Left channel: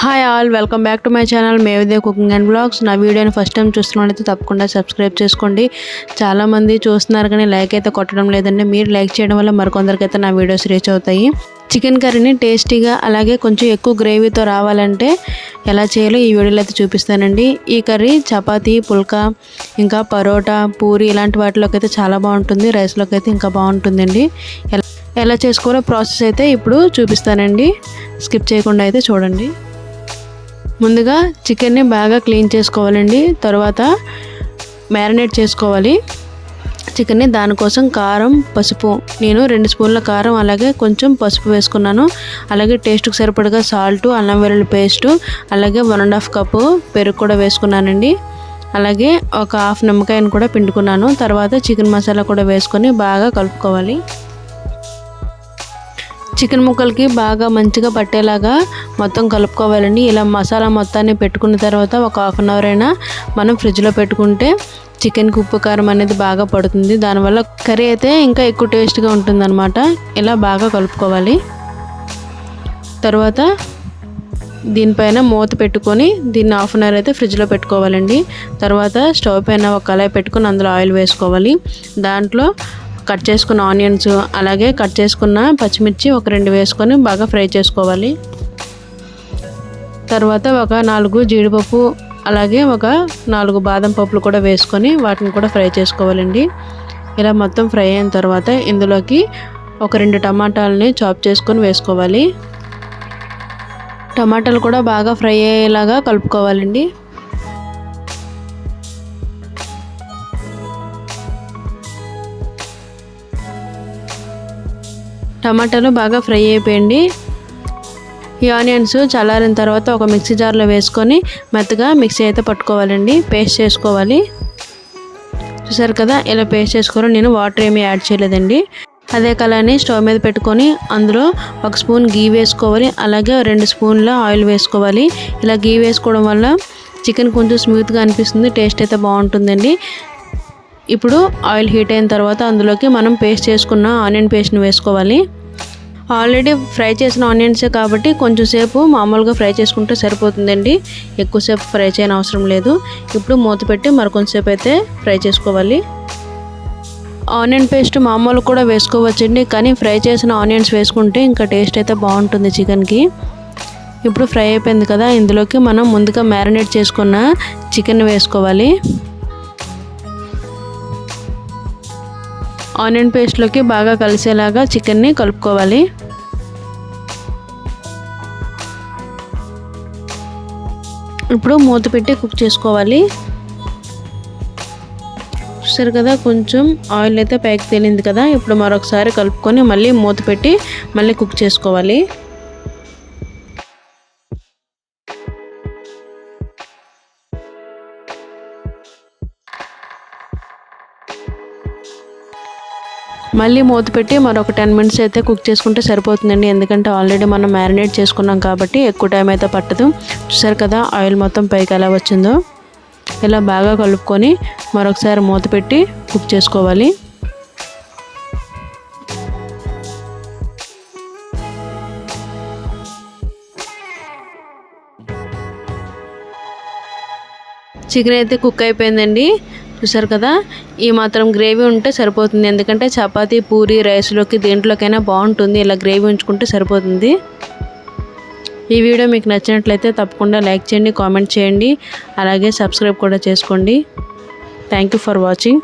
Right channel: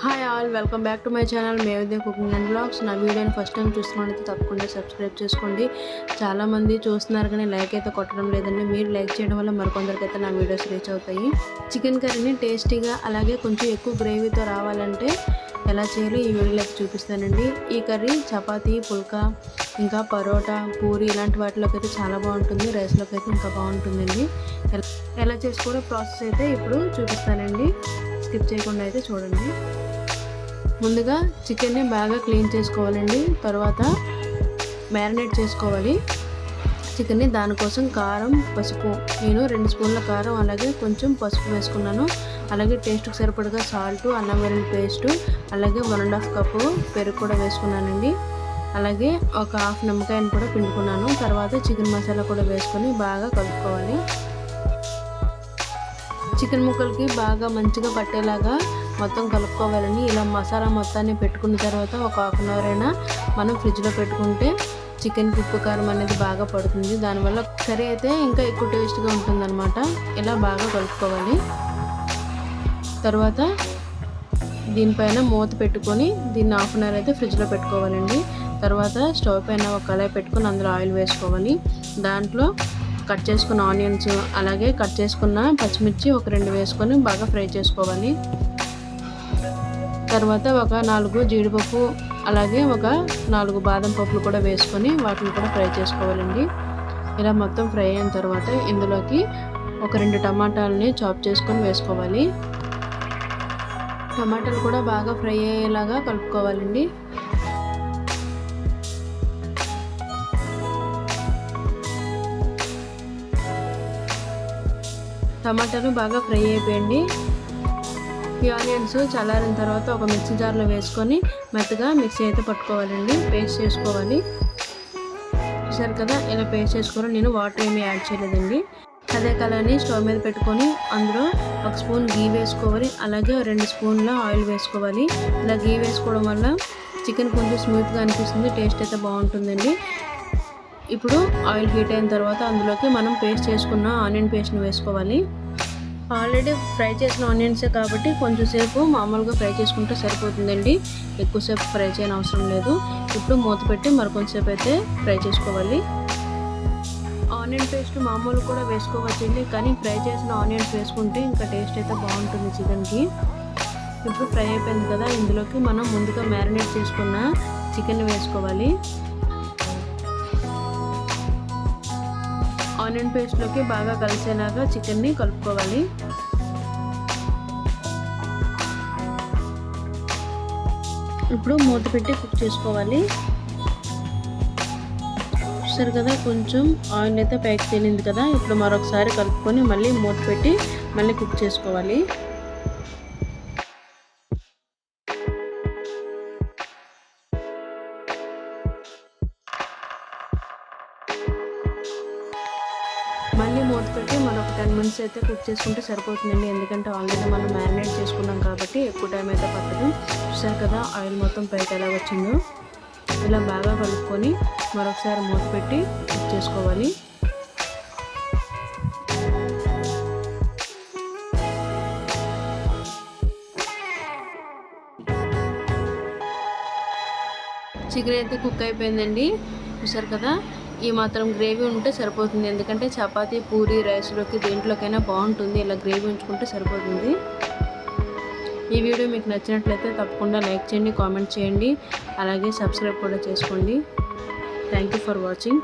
Hi all, welcome back to my channel మేవిదే cooking and blogs. నా వీడియోని first time చూస్తున్నట్లయితే తప్పకుండా సబ్స్క్రైబ్ చేసుకోండి. చాలామంది చూస్తున్నారు కానీ లైక్ అయితే కొట్టడం లేదండి. మీరు లైక్ చేయడం వల్ల మరికొందరికైతే నా వీడియోస్ రీచ్ అవుతాయి. చికెన్ కర్రీని టేస్టీగా అలాగే కొంచెం ఎక్కువ గ్రేవీతో రావాలంటే ఎలా చేయాలో ఈ వీడియోలో అయితే చూపిస్తానండి. ఈ కర్రీ చపాతీ, పుల్కా, ఇంకా పరోటా, పూరి ఇలాంటి వాటిలోకి అయితే చాలా బాగుంటుంది. రైస్లోకి అయితే ఇంకా బాగుంటుందండి. ఎలా చేసుకోవాలో ప్రాసెస్ అయితే ఇప్పుడు చూపిస్తానండి. స్కిప్ చేయకుండా అయితే చూడండి. ముందుగా చికెన్ని బాగా క్లీన్ చేసుకోవాలండి. తర్వాత మ్యారినేట్ చేసుకోవాలి చికెన్ని. దానికోసం కారం, పసుపు, నేను 2 స్పూన్ల కారం అలాగే కొంచెం పసుపు వేసుకున్నాను. అలాగే టేస్ట్కి సరిపడగా సాల్టు, అల్లం వెల్లుల్లి పేస్టు, అలాగే 1.5 కప్పు పెరుగు కూడా వేసుకున్నానండి. అలాగే ఒక హాఫ్ నిమ్మకాయను కూడా పిండుకున్నాను. తర్వాత చికెన్ మసాలా కూడా వేసుకొని బాగా కలుపుకోవాలి. చికెన్ ముక్కలకి బాగా మంచిగా పట్టేలాగా మొత్తం కలుపుకోవాలండి. ఇలా మసాలా మొత్తాన్ని పెట్టుకున్న తర్వాత ఒక హాఫ్ అన్ అవర్ అయినా మనం ఫ్రిడ్జ్లో పెట్టుకుంటే చికెన్కి ఉప్పు కారం అనేది బాగా పడుతుంది. దానివల్ల కర్రీ అయితే ఇంకా ఎక్కువ టేస్ట్గా ఉంటుందన్నమాట. ఇలా బాగా కలుపుకోవాలి. తర్వాత దీనిపైన మూత పెట్టుకొని దీన్ని హాఫ్ అన్ అవర్ అయితే ఫ్రిడ్జ్లో పెట్టుకోవాలండి. తర్వాత స్టవ్ పైన ఒక కళాయి పెట్టుకొని అందులో ఆయిల్ వేసుకోవాలి. దాంట్లో కట్ చేసుకున్న ఆనియన్స్ అలాగే కట్ చేసుకున్న పచ్చిమిర్చి ఒక 2 వేసుకొని బాగా ఫ్రై చేసుకోవాలి. తర్వాత ఒక 4 జీడిపప్పు అలాగే ఒక 4 బాదం పప్పులు కూడా వేసుకొని వాటిని కూడా ఫ్రై చేసుకోవాలండి. ఇలా మొత్తం ఫ్రై అయిన తర్వాత ఇందులోకి ఒక 2 టమాటాలని చాప్ చేసుకొని వేసుకోవాలి. టమాటాలు కూడా బాగా ఫ్రై అయ్యేలాగా కలుపుకోవాలండి. టమాటాలు బాగా ఫ్రై అయిపోయింది. ఈ ఆనియన్స్ చల్లారిన తర్వాత ఒక మిక్సీ జార్లో వేసుకొని మెత్తగా మిక్సీ అయితే పట్టుకోవాలండి. పేస్ట్ చేసుకోవాలి. చూసారు కదా, ఇలా పేస్ట్ చేసుకోవాలి. నేను వాటర్ ఏమీ యాడ్ చేయలేదండి. అదే కళాయిని స్టవ్ మీద పెట్టుకొని అందులో 1 స్పూన్ గీ వేసుకోవాలి. అలాగే 2 స్పూన్ల ఆయిల్ వేసుకోవాలి. ఇలా గీ వేసుకోవడం వల్ల చికెన్ కొంచెం స్మూత్గా అనిపిస్తుంది, టేస్ట్ అయితే బాగుంటుందండి. ఇప్పుడు ఆయిల్ హీట్ అయిన తర్వాత అందులోకి మనం పేస్ట్ చేసుకున్న ఆనియన్ పేస్ట్ని వేసుకోవాలి. ఆల్రెడీ ఫ్రై చేసిన ఆనియన్సే కాబట్టి కొంచెం సేపు మామూలుగా ఫ్రై చేసుకుంటే సరిపోతుందండి. ఎక్కువసేపు ఫ్రై చేయని అవసరం లేదు. ఇప్పుడు మూత పెట్టి మరికొంచెంసేపు అయితే ఫ్రై చేసుకోవాలి. ఆనియన్ పేస్ట్ మామూలు కూడా వేసుకోవచ్చండి, కానీ ఫ్రై చేసిన ఆనియన్స్ వేసుకుంటే ఇంకా టేస్ట్ అయితే బాగుంటుంది చికెన్కి. ఇప్పుడు ఫ్రై అయిపోయింది కదా, ఇందులోకి మనం ముందుగా మ్యారినేట్ చేసుకున్న చికెన్ వేసుకోవాలి. ఆనియన్ పేస్ట్లోకి బాగా కలిసేలాగా చికెన్ని కలుపుకోవాలి. ఇప్పుడు మూత పెట్టి కుక్ చేసుకోవాలి. చూసారు కదా, కొంచెం ఆయిల్ అయితే పైకి తేలింది కదా. ఇప్పుడు మరొకసారి కలుపుకొని మళ్ళీ మూత పెట్టి మళ్ళీ కుక్ చేసుకోవాలి. మళ్ళీ మూత పెట్టి మరొక 10 మినిట్స్ అయితే కుక్ చేసుకుంటే సరిపోతుందండి. ఎందుకంటే ఆల్రెడీ మనం మ్యారినేట్ చేసుకున్నాం కాబట్టి ఎక్కువ టైం అయితే పట్టదు. చూసారు కదా, ఆయిల్ మొత్తం పైకి ఎలా వచ్చిందో. ఇలా బాగా కలుపుకొని మరొకసారి మూత పెట్టి కుక్ చేసుకోవాలి. చికెన్ అయితే కుక్ అయిపోయిందండి. చూసారు కదా, ఈ మాత్రం గ్రేవీ ఉంటే సరిపోతుంది. ఎందుకంటే చపాతీ, పూరి, రైస్లోకి దేంట్లోకైనా బాగుంటుంది. ఇలా గ్రేవీ ఉంచుకుంటే సరిపోతుంది. ఈ వీడియో మీకు నచ్చినట్లయితే తప్పకుండా లైక్ చేయండి, కామెంట్ చేయండి, అలాగే సబ్స్క్రైబ్ కూడా చేసుకోండి. Thank you for watching.